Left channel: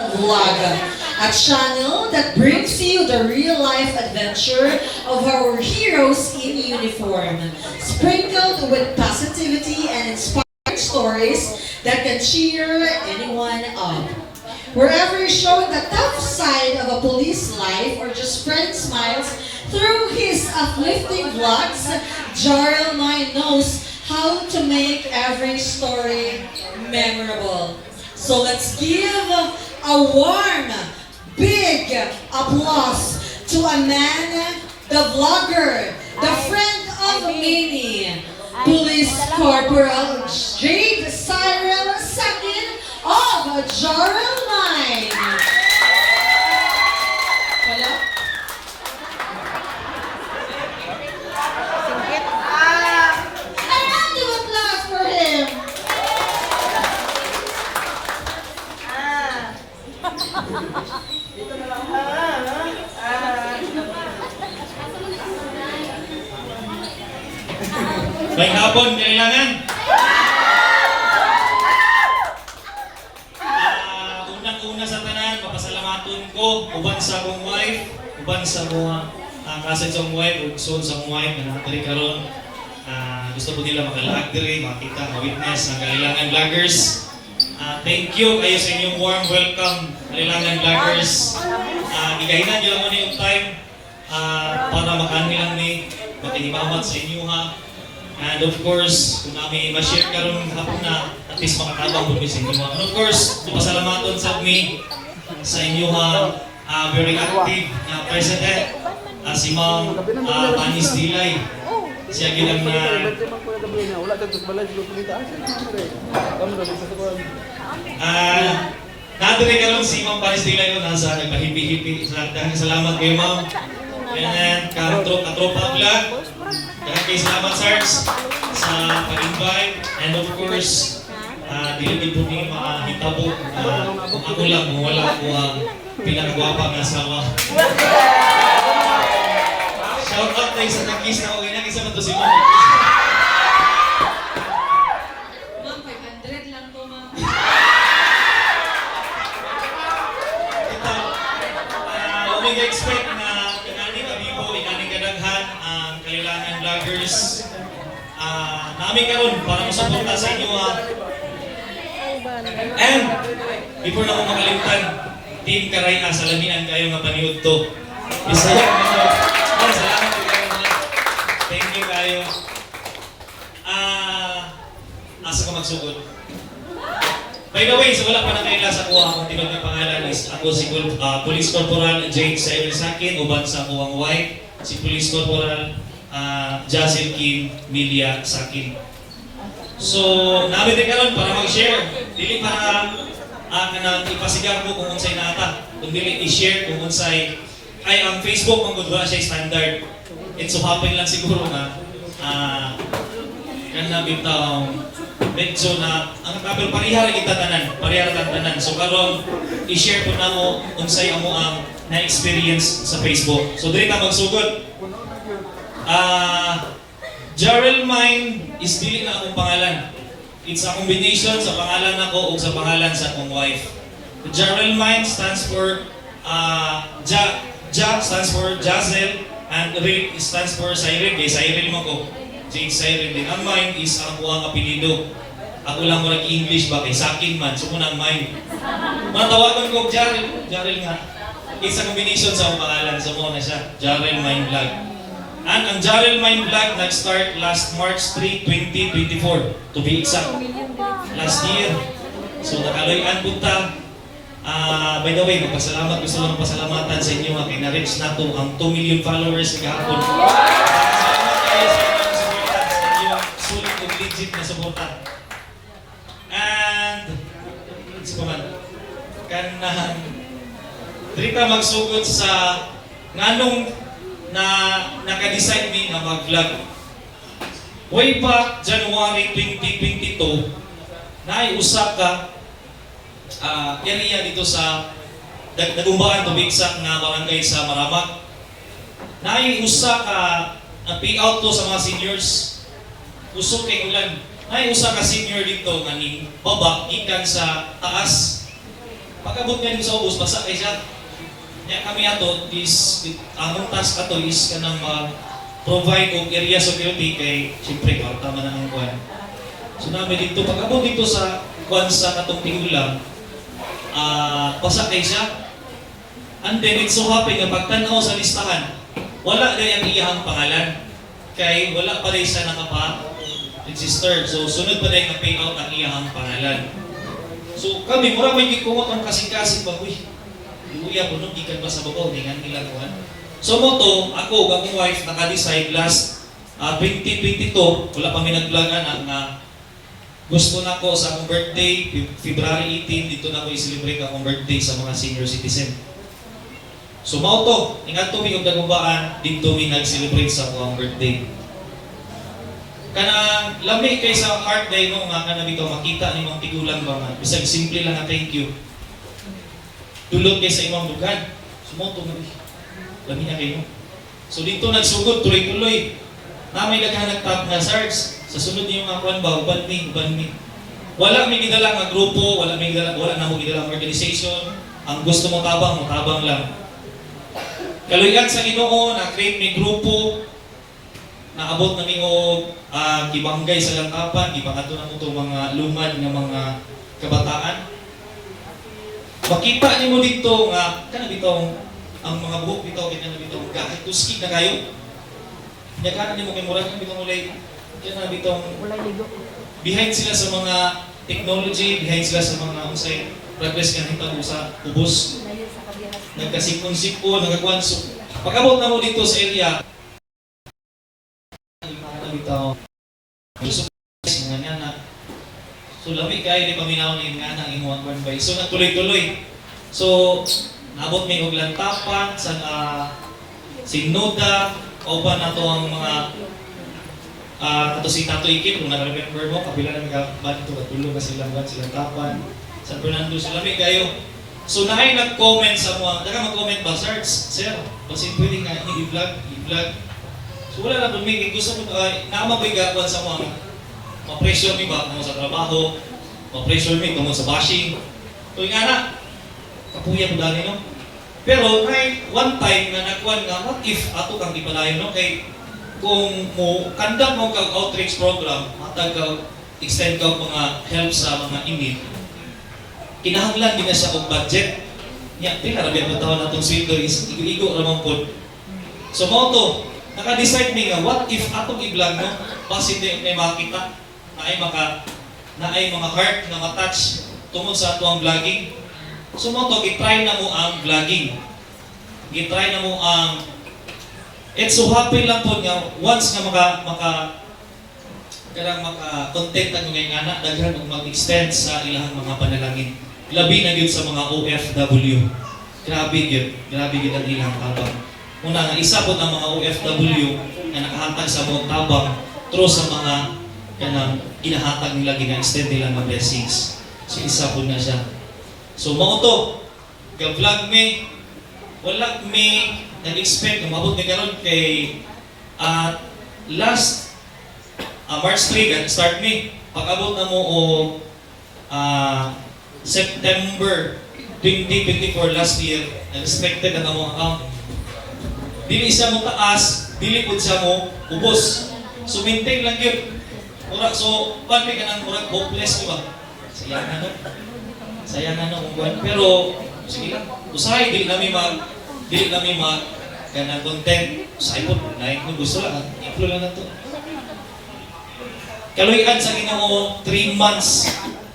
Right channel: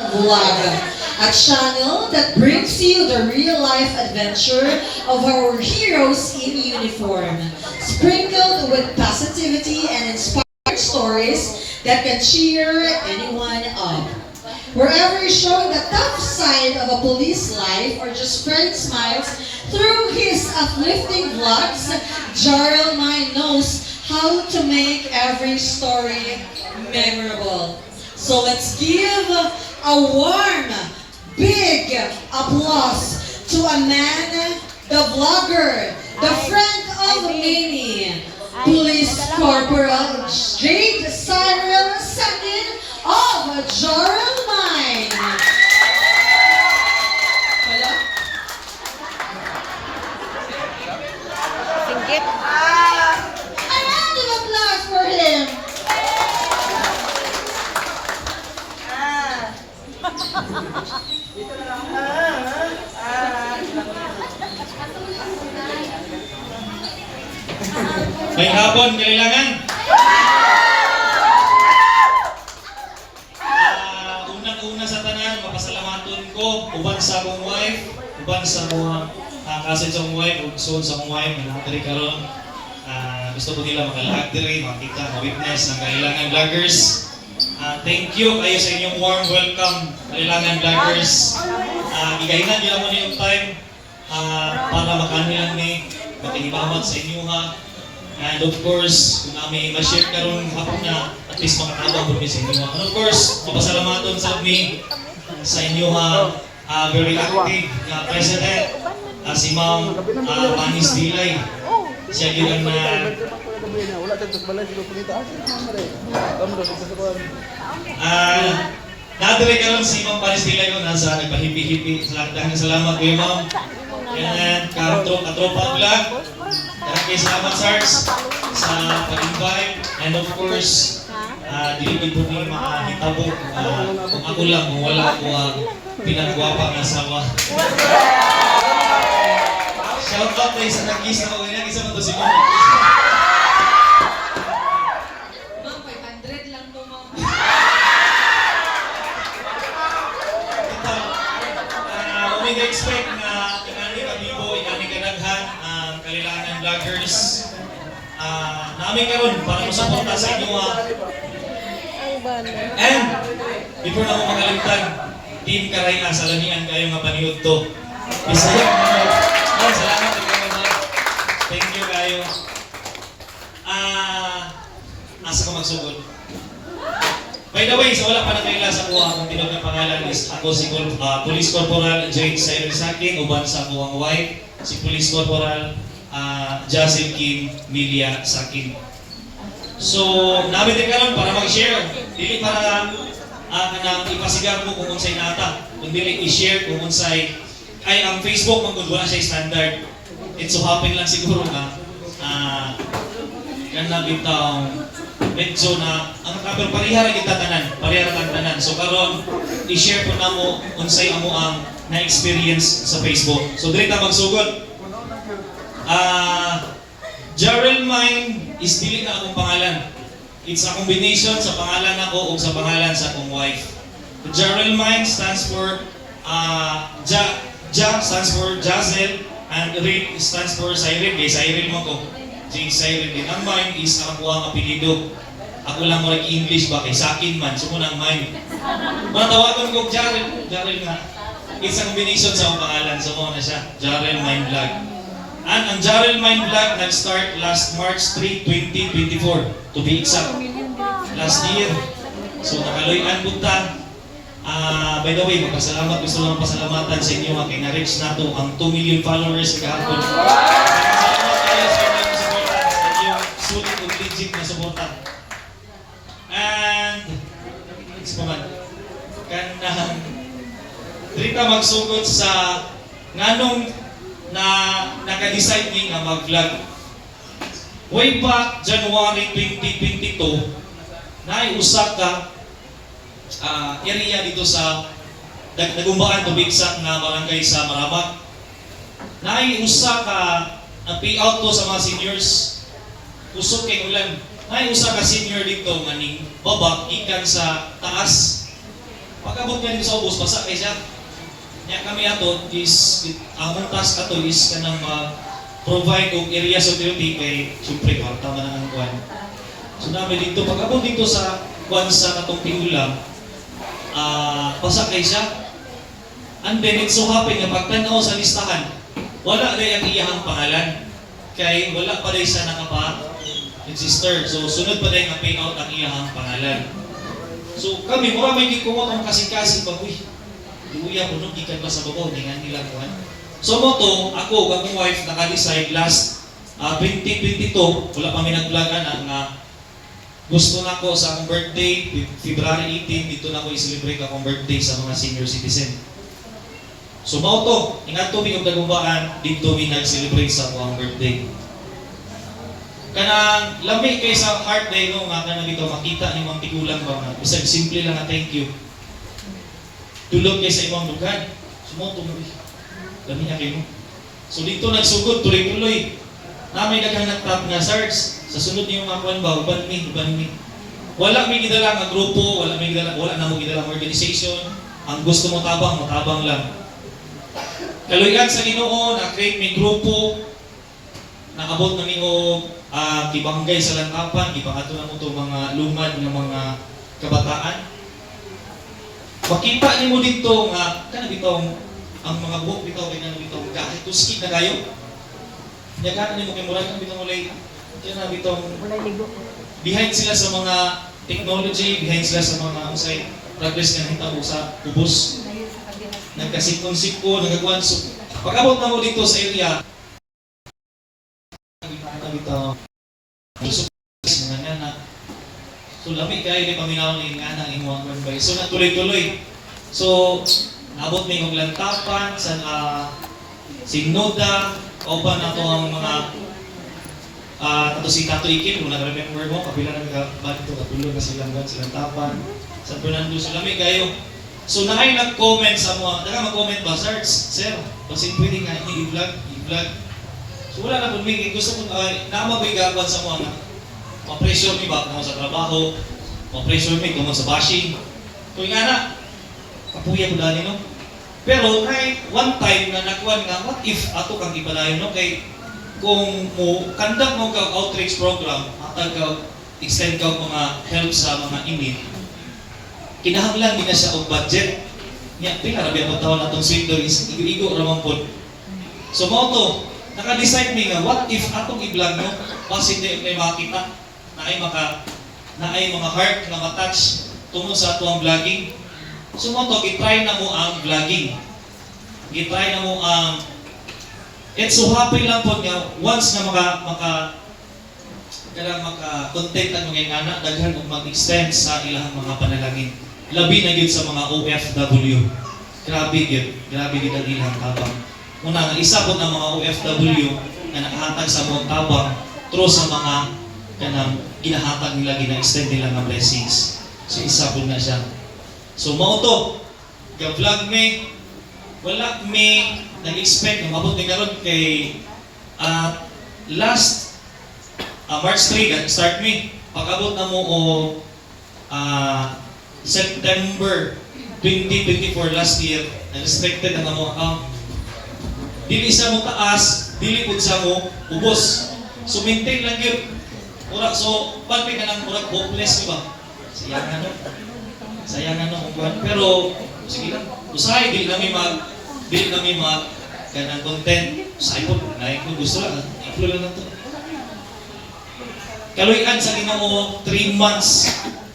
Vlog, a channel that brings you the real-life adventure of our heroes in uniform, sprinkled with positivity and inspiring stories that can cheer anyone up. Wherever showing the tough side of a police life or just spread smiles through his uplifting vlogs, Jarl Mine knows how to make every story memorable. So let's give a warm, big applause to a man, the vlogger, the friend of many, Police Corporal Jade Cyril II of Jarl Mine. Wala? Singgit. A round of applause for him. May hapon, kailangan. Unang-una sa tanan, mapasalamaton ko, uban sa akong wife, uban sa mga kasid sa akong wife, ug soon sa akong wife, na nakatari karon. Gusto ko nila makalaag diri, makita, ma-witness ang kailangan vloggers. Thank you kayo sa inyong warm welcome, kailangan vloggers. Gigahinan nyo lang mo yung time para makaano lang ni makihimamat sa inyo ha. And of course, kung namin ma-share karon hapon na, at least makakabang po sa inyo. And of course, mapasalamaton sa me sa inyo very active na president, si Ma'am Panis Dilay. Siya gilang na nadiri ka lang si Ma'am Panis Dilay ko nasa nagpahipi-hipi. Dahil salamat kayo Ma'am. And katropa vlog. Kaya salamat sirs sa pag-invite. And of course, dili po niyo makahitabo kung ako lang, kung wala ko ang pinagwapa ng asawa. Shout out tayo sa nag-kiss na okay na. Isa man to si Ma'am. Ma'am, 500 lang to, ma'am. Huwag expect na inani kabibo, inani kadaghan ang kailangan vloggers. Namin karon para masuporta sa inyo and before na ako makalimutan, Team Karay sa lamian kayo nga paniud to. Bisaya mo. Salamat kayo mga. Thank you kayo. Asa ko magsugod. By the way, so wala pa nang kaila sa kuha akong tibag ng pangalan is ako si Police Corporal Jake Cyril Sakin, uban sa kuwang wife, si Police Corporal Jacel Kim Milia Sakin. So, namin din karon para mag-share. Dili para ipasigar ko kung unsay nata. Kundi i-share kung unsay ay ang Facebook man gud wala siya standard. It so happen lang siguro na kana bitaw medyo na ang kapel parihara kita tanan. So karon i-share po namo unsay amo ang na-experience sa Facebook. So dili ka magsugod. Jarl Mine is dili na akong pangalan. It's a combination sa pangalan ako ug sa pangalan sa akong wife. Jarl Mine stands for Ja stands for Jacel and Rick stands for Cyril. Kay Cyril mo ko. Jake Cyril din. Ang Mine is ang kuwang apelido. Ako lang mo English ba kay Sakin man. So muna ang Mine. Matawagan ko Jarl nga. It's a combination sa akong pangalan. So muna siya. Jarl Mine Vlog. And ang Jarl Mine Vlog nag-start last March 3, 2024 to be exact. Last year. So nakaloy-an punta. By the way, magpasalamat, gusto lang pasalamatan sa inyo kay na-reach na to ang 2 million followers kahapon. Salamat kayo sa inyong suporta, sa inyong sulit ug legit na suporta. And, it's ko man, kanang trika magsugod sa nganong na naka-decide ni nga mag-vlog. Way back January 2022, naiusak ka area dito sa nagumbaan to bigsak na barangay sa Marabat. Naiusak ka payout to sa mga seniors. Usok kay ulan. Ay usa ka senior dito nga ning baba gikan sa taas Pag-abot nga dito sa ubos, basa kay siya. Kaya kami ato is, among task ato is kanang provide og area security kay siyempre tama na ang kuan. So namin dito, pag-abot dito sa kuan sa katong pingulang, basa kay siya. And then it's so happy nga pagtanaw sa listahan, wala na ang iyahang pangalan. Kay wala pa rin siya nakapa-register. So sunod pa rin ang payout ang iyahang pangalan. So kami, mura may gikumot ang kasing-kasing pag, uy, Uya, puno, gikan ba sa buko, ningan nila kuhan. So mo to, ako, akong wife, naka-decide last 2022, wala pa may naglagan ang gusto na ko sa akong birthday, February 18, dito na ko i-celebrate akong birthday sa mga senior citizen. So mo to, ingat to mi og dagumbaan, dito mi nag-celebrate sa akong birthday. Kanang lami kay sa heart day no nga kanang dito makita nimong tigulang ba nga bisag simple lang nga thank you. Tulog kay sa imong dugan. Sumoto mo. Lami na kayo. So dito nagsugod tuloy-tuloy. Na may daghang nagtap nga SARS. Sa sunod niyo nga kuan ba uban mi. Wala mi gidala nga grupo, wala na mo gidala nga organization. Ang gusto mo tabang lang. Kaluyan sa Ginoo na create mi grupo naabot na niyo kibanggay sa lantapan, gipangadto na mo to mga lumad nga mga kabataan. Makita nimo dito nga kana bitong ang mga buhok bitaw kanya bitong kahit tuski na kayo. Nya nimo kay murag ang bitong ulay kana bitong Ulay ligo. behind sila sa mga technology, behind sila sa mga unsay progress nga hitabo sa ubos. Layo sa kabilang. Nagkasikon-sikon, nagagwan. So, pag-abot na mo dito sa area, bitaw so lamig kayo di paminaw ni nga nang imong konbay. So natuloy-tuloy. So nabot mi og lantapan sa Signoda o pa na to ang mga kato si Tato Ikin kung naka-remember mo kapila nang bakit to katulog na silang tapan San Fernando. So lamig kayo. So naay nag-comment sa mga mag-comment ba sir kasi pwede nga i-vlog. So wala na po may gusto ko naamabigawan sa mga ma-pressure mi ba kung sa trabaho, ma-pressure mi kung sa bashing. So nga na, kapuya ko dani no. Pero may one time na nagkuhan nga, what if ato kang ipalayo no? Kay kung mo conduct mo kag outreach program, matag ka extend ka mga help sa mga inmate, kinahanglan din na siya og budget. Nya pila ra ba taon natong sweldo is igo-igo ra man pod. So mo to, naka-decide mi nga what if atong i-vlog no, basi di makita na ay mga heart na ma-touch tungod sa atong vlogging. So mo to, gitry na mo ang vlogging. Gitry na mo ang it's so happy lang po nga once nga maka-content ang mga anak, daghan og mag-extend sa ilang mga panalangin. Labi na gyud sa mga OFW. Grabe gyud ang ilang tabang. Una nga isa po ang mga OFW na nakahatag sa mga tabang through sa mga kanang ginahatag nila gina-extend nila nga blessings. So isa po na siya. So mao to, ga-vlog me, wala me nag-expect na mabot ni karon kay last March 3 start me. Pag-abot na mo o September 2024 last year, restricted na mo account. Dili sa mo taas, dili pud sa mo ubos. So maintain lang yun. So pati ka ng murag hopeless, di ba? Sayangan kung kuwan. Pero sige lang, usahay dili kami ganang content. Usahay po, nahin kung gusto lang, i-upload lang to. Kaluyan sa Ginoo 3 months.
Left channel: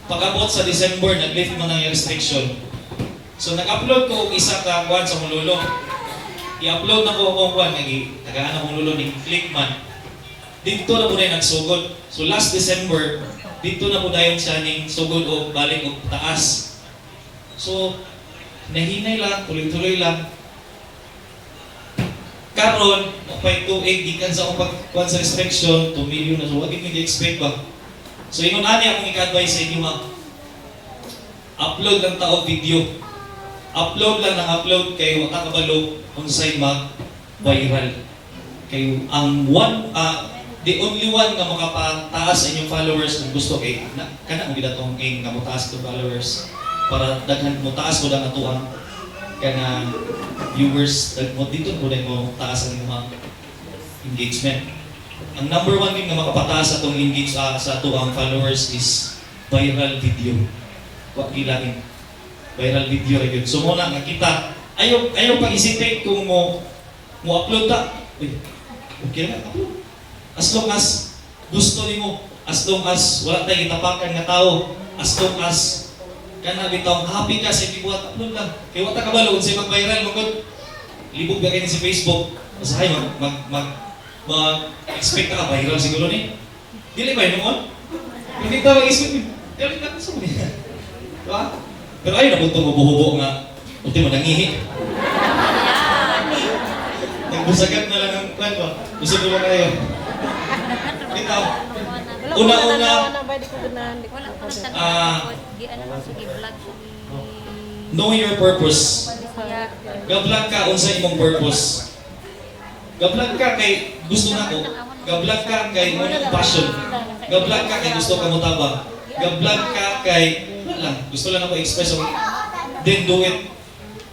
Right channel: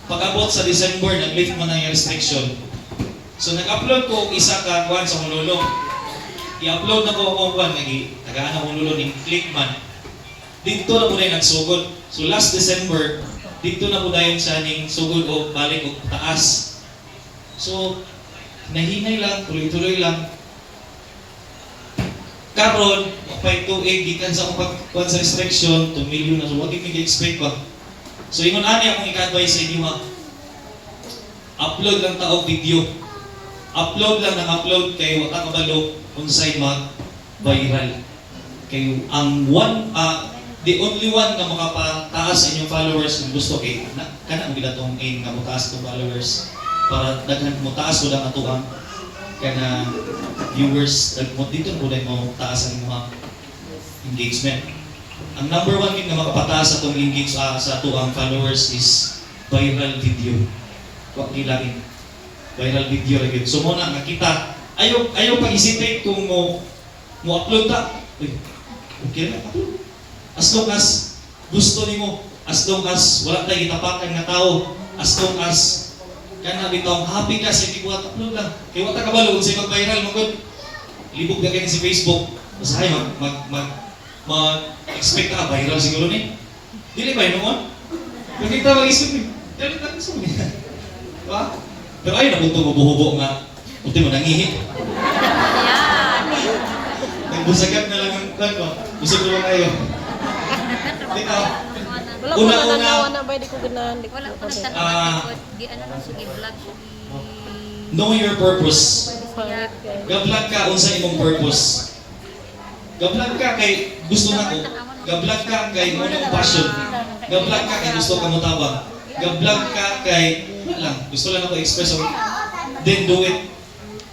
Pag-abot sa December, nag-lift man ang restriction. So nag-upload ko isa ka kuwan sa Honolulu. I-upload na ko akong kuwan, nagaan akong Honolulu ni Clickman. Dito na po rin nagsugod. So last December, dito na po dayon siya ning sugod o balik o taas. So, nahinay lang, tuloy-tuloy lang. Karon, mapay 2.8, gikan sa akong pagkuhan sa restriction, 2 million na. So, wag hindi ka-expect ba? So, ingon ani akong ika-advise sa inyo ha. Upload lang taog video. Upload lang ng upload kay wata kabalo unsay mag-viral. Kay ang the only one na makapataas sa inyong followers kung gusto kay kana mo gila tong aim nga mataas itong followers. para daghan mo taas ko lang atuan kana viewers mo dito mo mo taas ang mga engagement. Ang number one thing na makapataas atong engage sa atuang followers is viral video. Wa gilain. Viral video ra gyud. So mo na nakita ayaw pag-isipin kung mo upload ta. Uy, okay na upload. As long as gusto nimo, as long as wala tayong itapakan nga tao, as long as kana bitaw happy ka sa gibuhat upload lang. Kay wa ta kabalo kung say mag-viral magud. Libog ka kini si Facebook. Masahay mag-expect ka viral siguro ni. Dili ba noon? Kung di ka mag-expect, galit ka sa mga. Diba? Pero ayun na punto mabuhubo nga. Ultimo nangihi. Nagbusagat na lang ang kwan ba? Gusto ko lang kayo. Bitaw. Una-una, Wala ko nagtanong di ano na sige vlog siya di know your purpose. siya. Gablag ka unsa imong purpose. Gablag ka kay gusto nako. Gablag ka kay imong passion. Gablag ka kay gusto ka mo tabang. Gablag ka kay wala lang, gusto lang ako express so, then do it.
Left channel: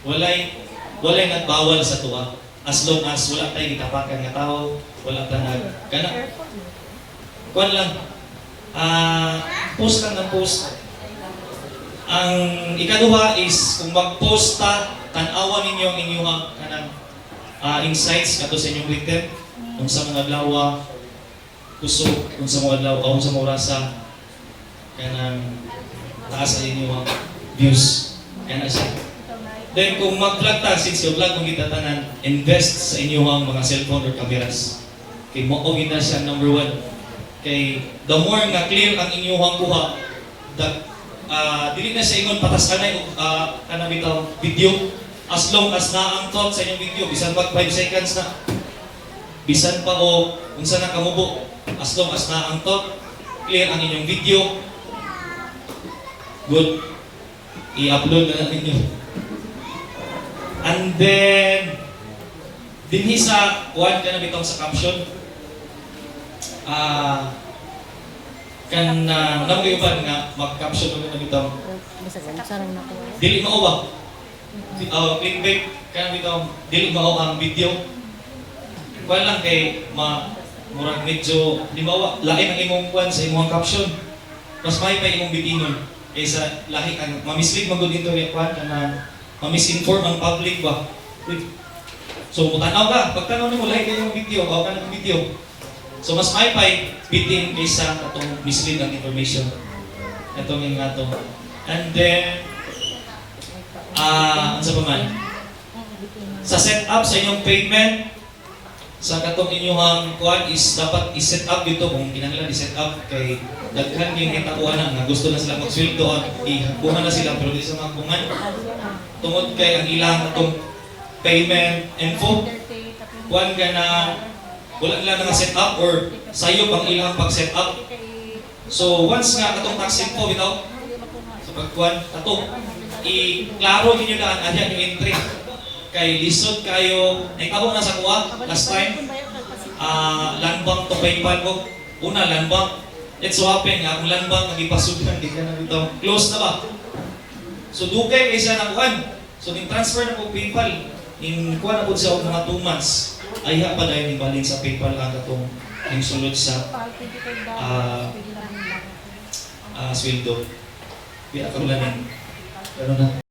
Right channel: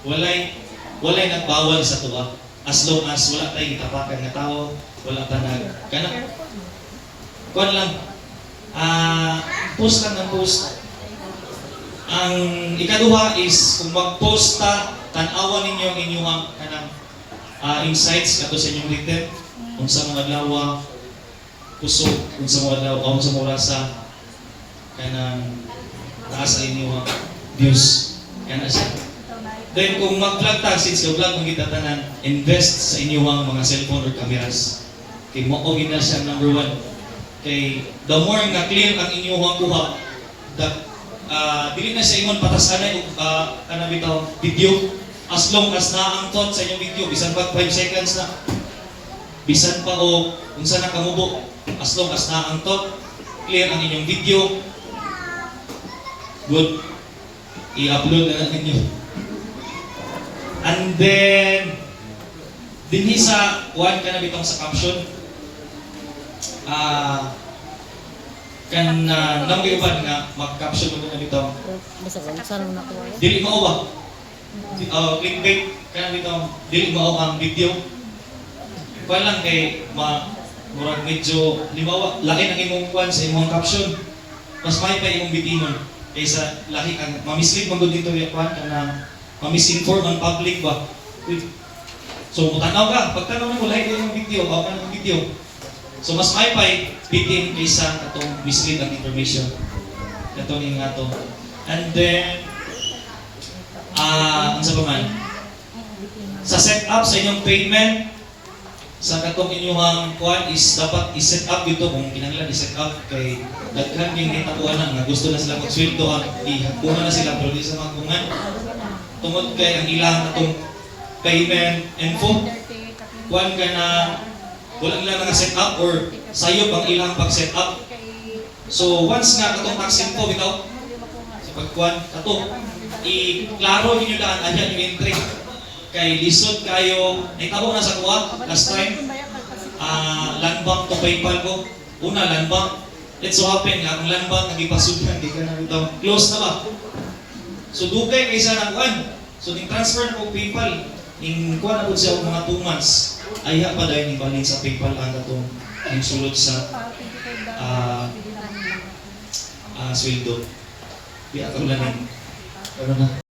Walay nagbawal sa tuwa. As long as wala tayong tapakan nga tao, wala ta kana. Kuan lang. Post lang ng post. Ang ikaduha is kung mag-post ta, tan-awan ninyo ang inyong kanang insights kato sa inyong written kung sa mga adlaw kusog kung sa mga adlaw kung sa mga orasa kanang taas sa inyong views kana siya. Then kung mag-vlog ta, since yung vlog mong kitatanan, invest sa inyong mga cellphone or cameras. Kay mo og na siya number one. Kay the more nga clear ang inyong kuha, dili na sa ingon patasanay kanang bitaw video. As long as na ang thought sa inyong video, bisan mag 5 seconds na, bisan pa o unsa na kamubo, as long as na ang thought, clear ang inyong video, good, i-upload na natin yun. And then, dinhi sa kuhan ka na bitong sa caption, namagayon nga mag-caption mo na bitong, dili mao ba? Clickbait ka na bitong, dili mao ang video. Kuhan lang kay murag medyo, limawa, lain ang imong kuhan sa imong caption. Mas may pa imong bitinon. Kaysa lahi ang mamislead magod dito yung kuhan ka na ma-misinform ang public ba? Uy. So, mutanaw ka. Pagtanaw mo, lahat yung video, ka ng video. So, mas may pay bitin kaysa itong mislead ang information. Itong yung nga to. And then, ano sa paman? Sa setup sa inyong payment, sa katong inyong kuhan is dapat i-set up dito kung kinahanglan i-set up kay daghan yung itakuan na nga gusto na sila mag-sweldo at ihakunan na sila pero di sa magkungan. Tungod kay ang ilang itong payment info, kuhan ka na wala nila na set up or sayop ang ilang pag-set up. So once nga katong tax info bitaw sa pagkuhan kato, i-klaro ninyo daan adya yung entry. Kay lisod kayo, naitabo na sa kuha last time, landbank to PayPal ko. Una, landbank. It so happen nga, ang landbank nagipasudan, di ka na bitaw. Close na ba? So dugay kaysa na kuhan. So ning transfer na po PayPal, ning kuha na po siya og mga 2 months. Ayha pa dahil ibalin sa PayPal ang atong ning sulod sa sweldo. Di ako lanin. Ano na?